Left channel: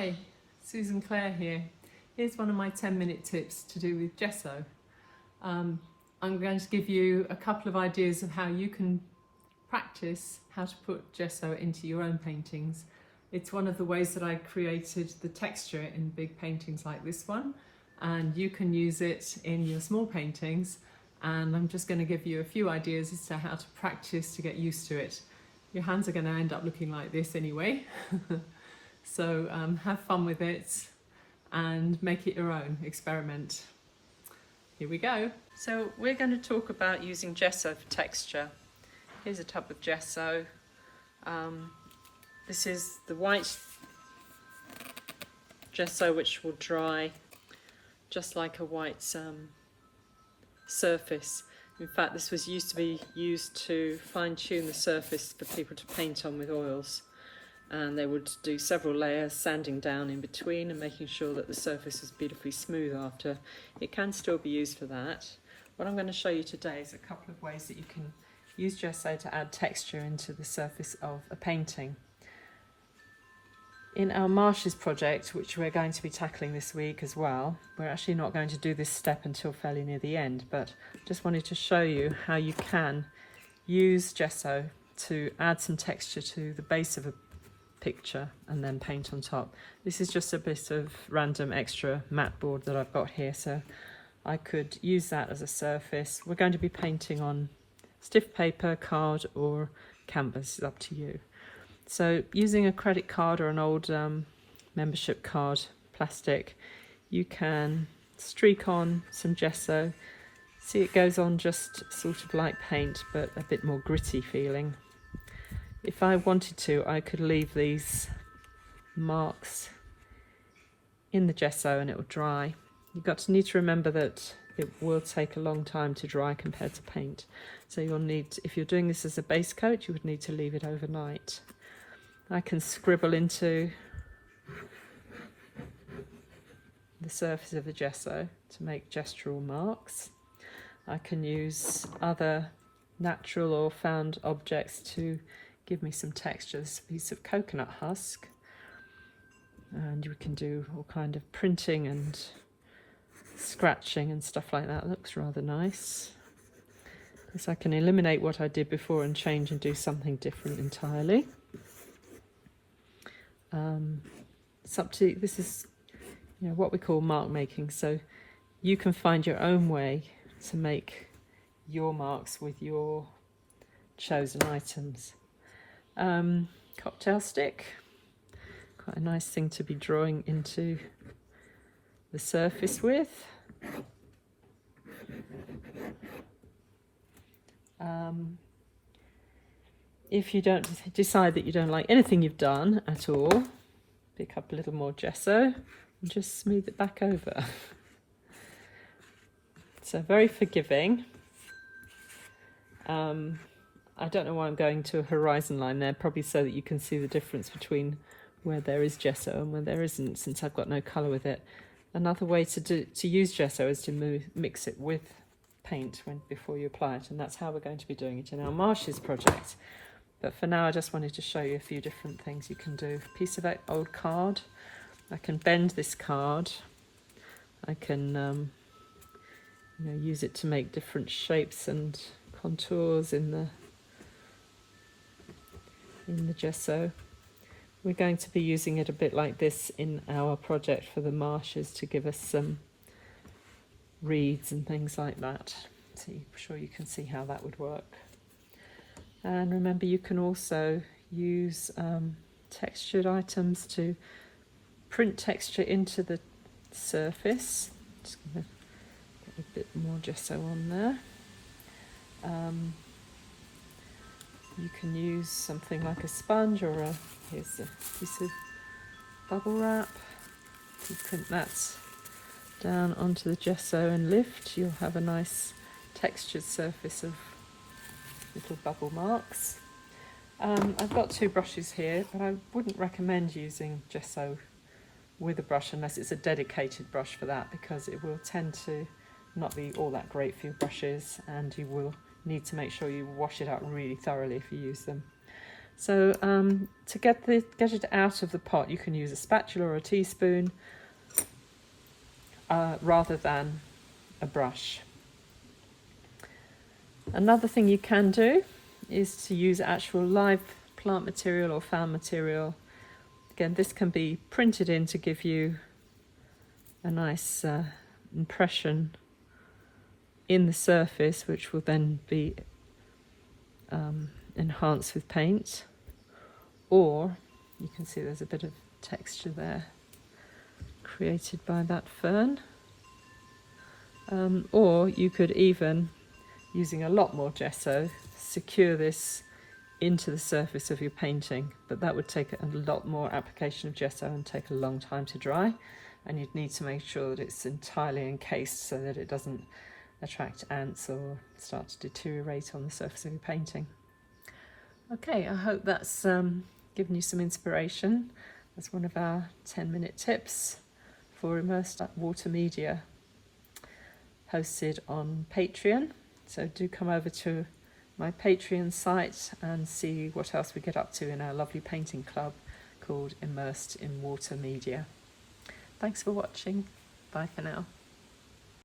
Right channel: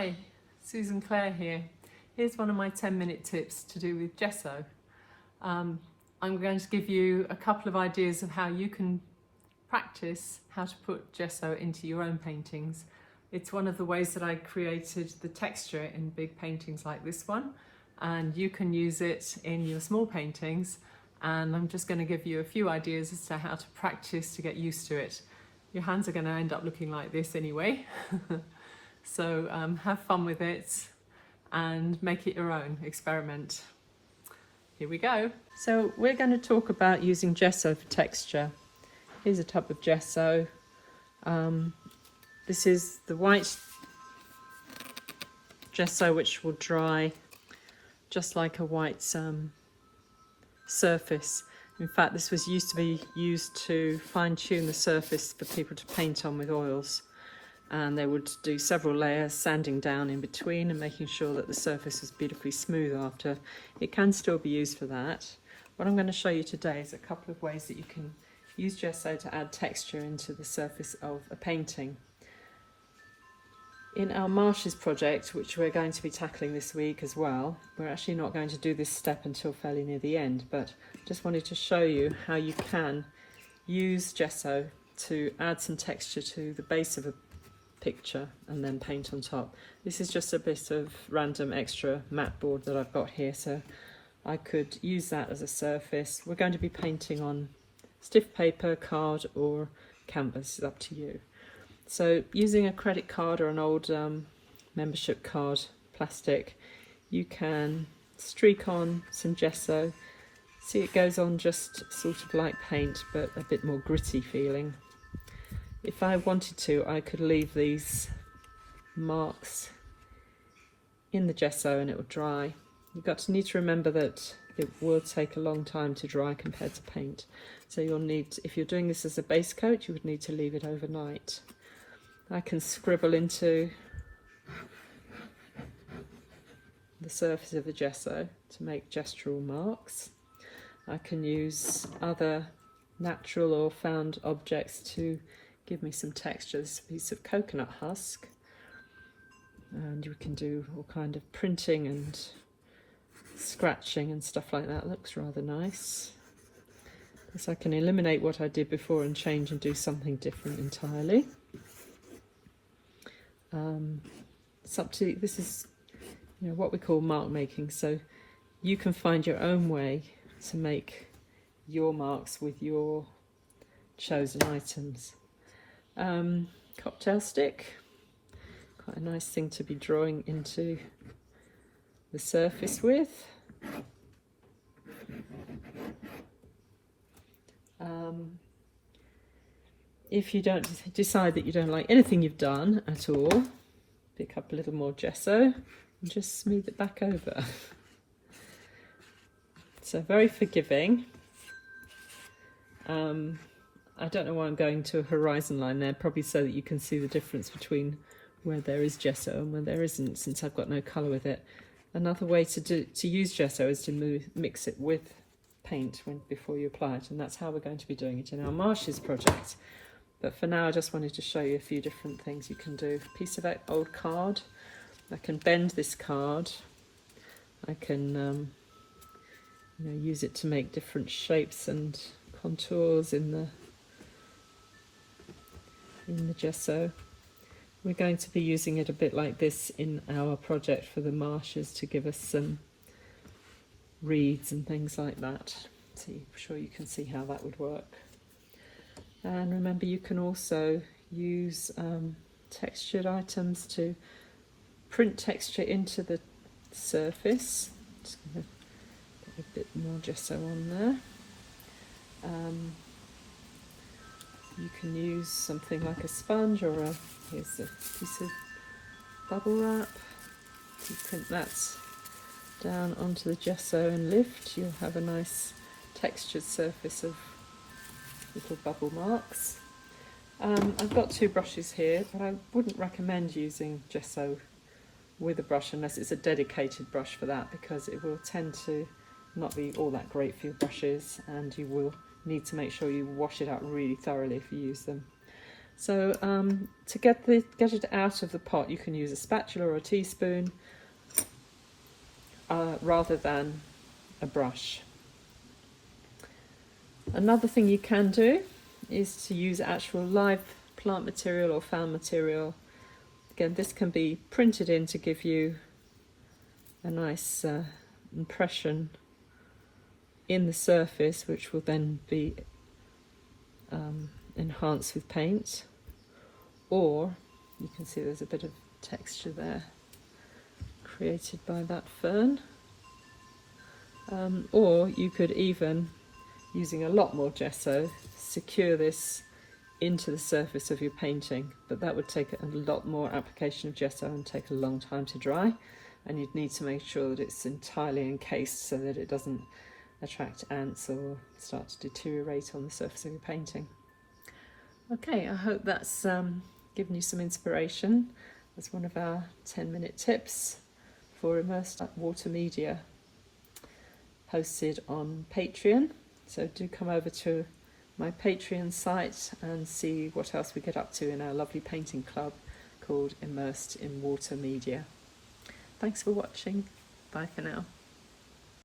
Hi, Susan Clare here. Here's one of my 10-minute tips to do with gesso. I'm going to give you a couple of ideas of how you can practice how to put gesso into your own paintings. It's one of the ways that I created the texture in big paintings like this one, and you can use it in your small paintings, and I'm just going to give you a few ideas as to how to practice to get used to it. Your hands are going to end up looking like this anyway. So have fun with it and make it your own, experiment. Here we go. So we're going to talk about using gesso for texture. Here's a tub of gesso. This is the white gesso, which will dry just like a white surface. In fact, this was used to be used to fine-tune the surface for people to paint on with oils. And they would do several layers, sanding down in between and making sure that the surface is beautifully smooth after. It can still be used for that. What I'm going to show you today is a couple of ways that you can use gesso to add texture into the surface of a painting. In our marshes project, which we're going to be tackling this week as well, we're actually not going to do this step until fairly near the end, but just wanted to show you how you can use gesso to add some texture to the base of a picture and then paint on top. This is just a bit of random extra mat board that I've got here, so I could use that as a surface. We're going to be painting on stiff paper, card or canvas, it's up to you. So using a credit card or an old membership card, plastic, you can streak on some gesso. See, it goes on just sort of like paint, but a bit more gritty feeling. If I wanted to, I could leave these marks in the gesso and it will dry. You've need to remember that it will take a long time to dry compared to paint. So you'll need, if you're doing this as a base coat, you would need to leave it overnight. I can scribble into the surface of the gesso to make gestural marks. I can use other natural or found objects to give me some texture. This is a piece of coconut husk, and we can do all kind of printing and scratching and stuff like that. Looks rather nice. So I can eliminate what I did before and change and do something different entirely. It's up to, this is what we call mark making, so you can find your own way to make your marks with your chosen items. Cocktail stick, quite a nice thing to be drawing into the surface with. If you don't decide that you don't like anything you've done at all, pick up a little more gesso and just smooth it back over. So very forgiving. I don't know why I'm going to a horizon line there, probably so that you can see the difference between where there is gesso and where there isn't, since I've got no colour with it. Another way to use gesso is to mix it with paint before you apply it, and that's how we're going to be doing it in our marshes project. But for now, I just wanted to show you a few different things you can do. A piece of old card, I can bend this card. I can use it to make different shapes and contours in the gesso. We're going to be using it a bit like this in our project for the marshes to give us some reeds and things like that. So I'm sure you can see how that would work. And remember, you can also use textured items to print texture into the surface. Just going to get a bit more gesso on there. You can use something like a sponge or here's a piece of bubble wrap. You print that down onto the gesso and lift, you'll have a nice textured surface of little bubble marks. I've got two brushes here, but I wouldn't recommend using gesso with a brush unless it's a dedicated brush for that, because it will tend to not be all that great for your brushes, and you will need to make sure you wash it out really thoroughly if you use them. So to get it out of the pot, you can use a spatula or a teaspoon rather than a brush. Another thing you can do is to use actual live plant material or found material. Again, this can be printed in to give you a nice impression in the surface, which will then be enhanced with paint. Or you can see there's a bit of texture there created by that fern. Or you could even, using a lot more gesso, secure this into the surface of your painting, but that would take a lot more application of gesso and take a long time to dry, and you'd need to make sure that it's entirely encased so that it doesn't attract ants or start to deteriorate on the surface of your painting. Okay, I hope that's given you some inspiration. That's one of our 10-minute tips for immersed water media posted on Patreon. So do come over to my Patreon site and see what else we get up to in our lovely painting club called Immersed in Water Media. Thanks for watching. Bye for now.